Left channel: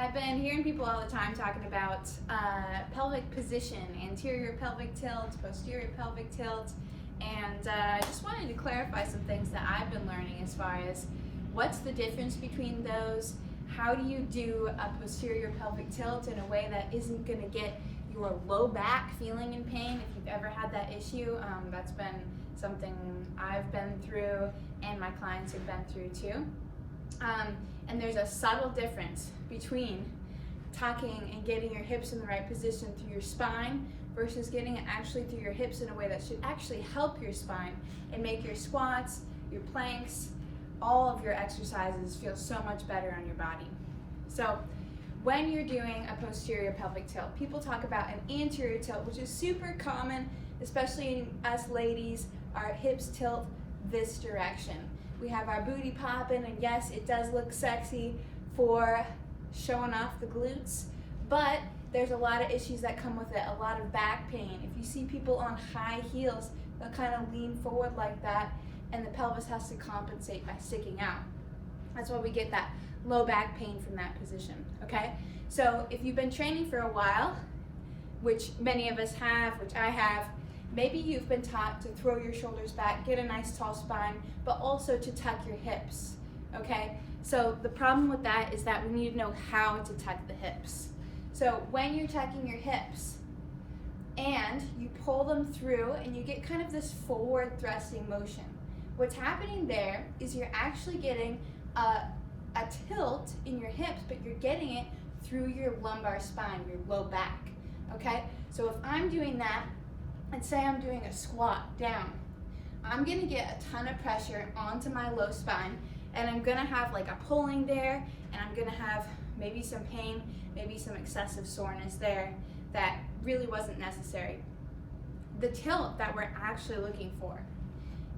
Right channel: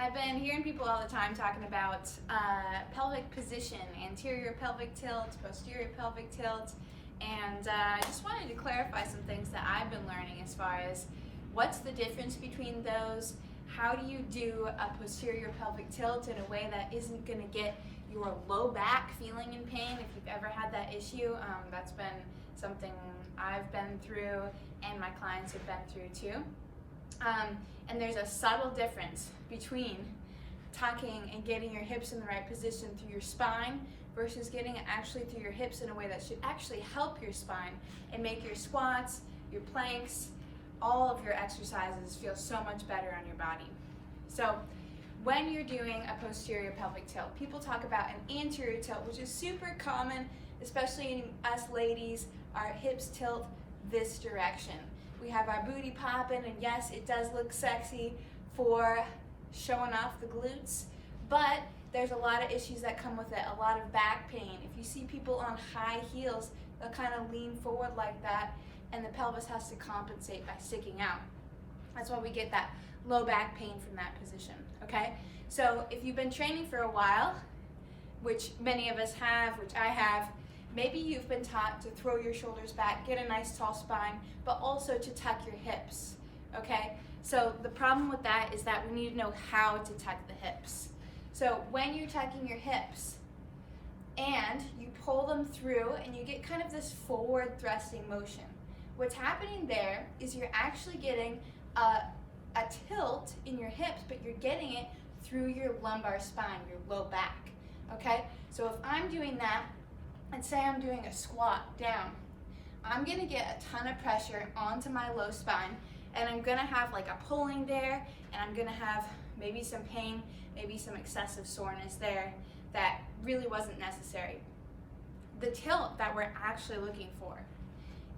I've been hearing people all the time talking about pelvic position, anterior pelvic tilt, posterior pelvic tilt, and I just wanted to clarify some things that I've been learning as far as what's the difference between those, how do you do a posterior pelvic tilt in a way that isn't going to get your low back feeling in pain. If you've ever had that issue, that's been something I've been through and my clients have been through too. And there's a subtle difference between tucking and getting your hips in the right position through your spine versus getting it actually through your hips in a way that should actually help your spine and make your squats, your planks, all of your exercises feel so much better on your body. So when you're doing a posterior pelvic tilt, people talk about an anterior tilt, which is super common, especially in us ladies. Our hips tilt this direction. We have our booty popping, and yes, it does look sexy for showing off the glutes, but there's a lot of issues that come with it, a lot of back pain. If you see people on high heels, they'll kind of lean forward like that, and the pelvis has to compensate by sticking out. That's why we get that low back pain from that position, okay? So if you've been training for a while, which many of us have, which I have, maybe you've been taught to throw your shoulders back, get a nice tall spine, but also to tuck your hips, okay? So the problem with that is that we need to know how to tuck the hips. So when you're tucking your hips and you pull them through and you get kind of this forward thrusting motion, what's happening there is you're actually getting a tilt in your hips, but you're getting it through your lumbar spine, your low back, okay? So if I'm doing that, and say I'm doing a squat down, I'm gonna get a ton of pressure onto my low spine, and I'm gonna have like a pulling there, and I'm gonna have maybe some pain, maybe some excessive soreness there that really wasn't necessary. The tilt that we're actually looking for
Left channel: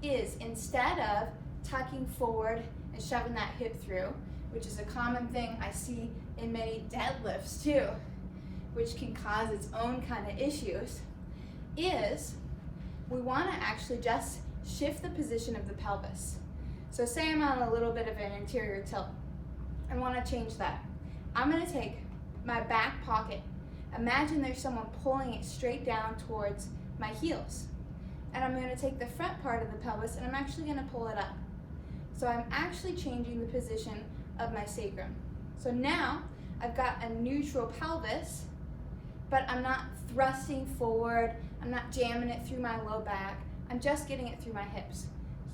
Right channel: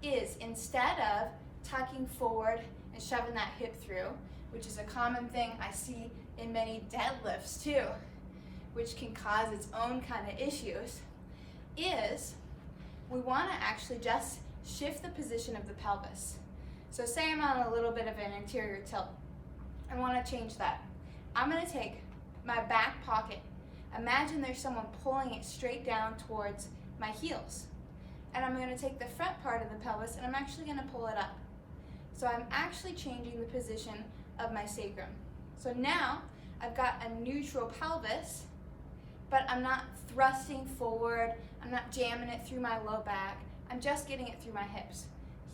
is, instead of tucking forward and shoving that hip through, which is a common thing I see in many deadlifts too, which can cause its own kind of issues, is we want to actually just shift the position of the pelvis. So say I'm on a little bit of an anterior tilt. I want to change that. I'm going to take my back pocket. Imagine there's someone pulling it straight down towards my heels. And I'm going to take the front part of the pelvis and I'm actually going to pull it up. So I'm actually changing the position of my sacrum. So now I've got a neutral pelvis, but I'm not thrusting forward, I'm not jamming it through my low back, I'm just getting it through my hips.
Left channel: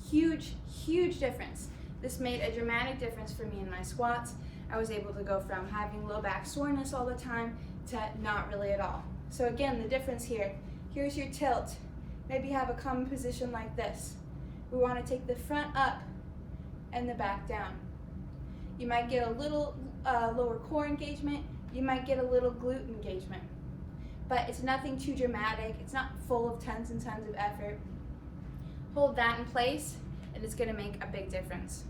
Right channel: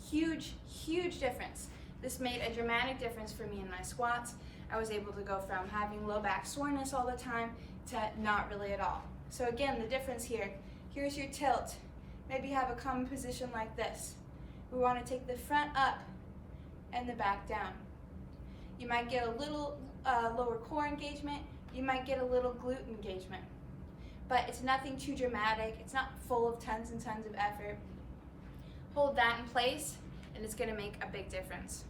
Huge, huge difference. This made a dramatic difference for me in my squats. I was able to go from having low back soreness all the time to not really at all. So again, the difference here, here's your tilt. Maybe you have a common position like this. We want to take the front up and the back down. You might get a little lower core engagement, you might get a little glute engagement, but it's nothing too dramatic. It's not full of tons and tons of effort. Hold that in place and it's going to make a big difference.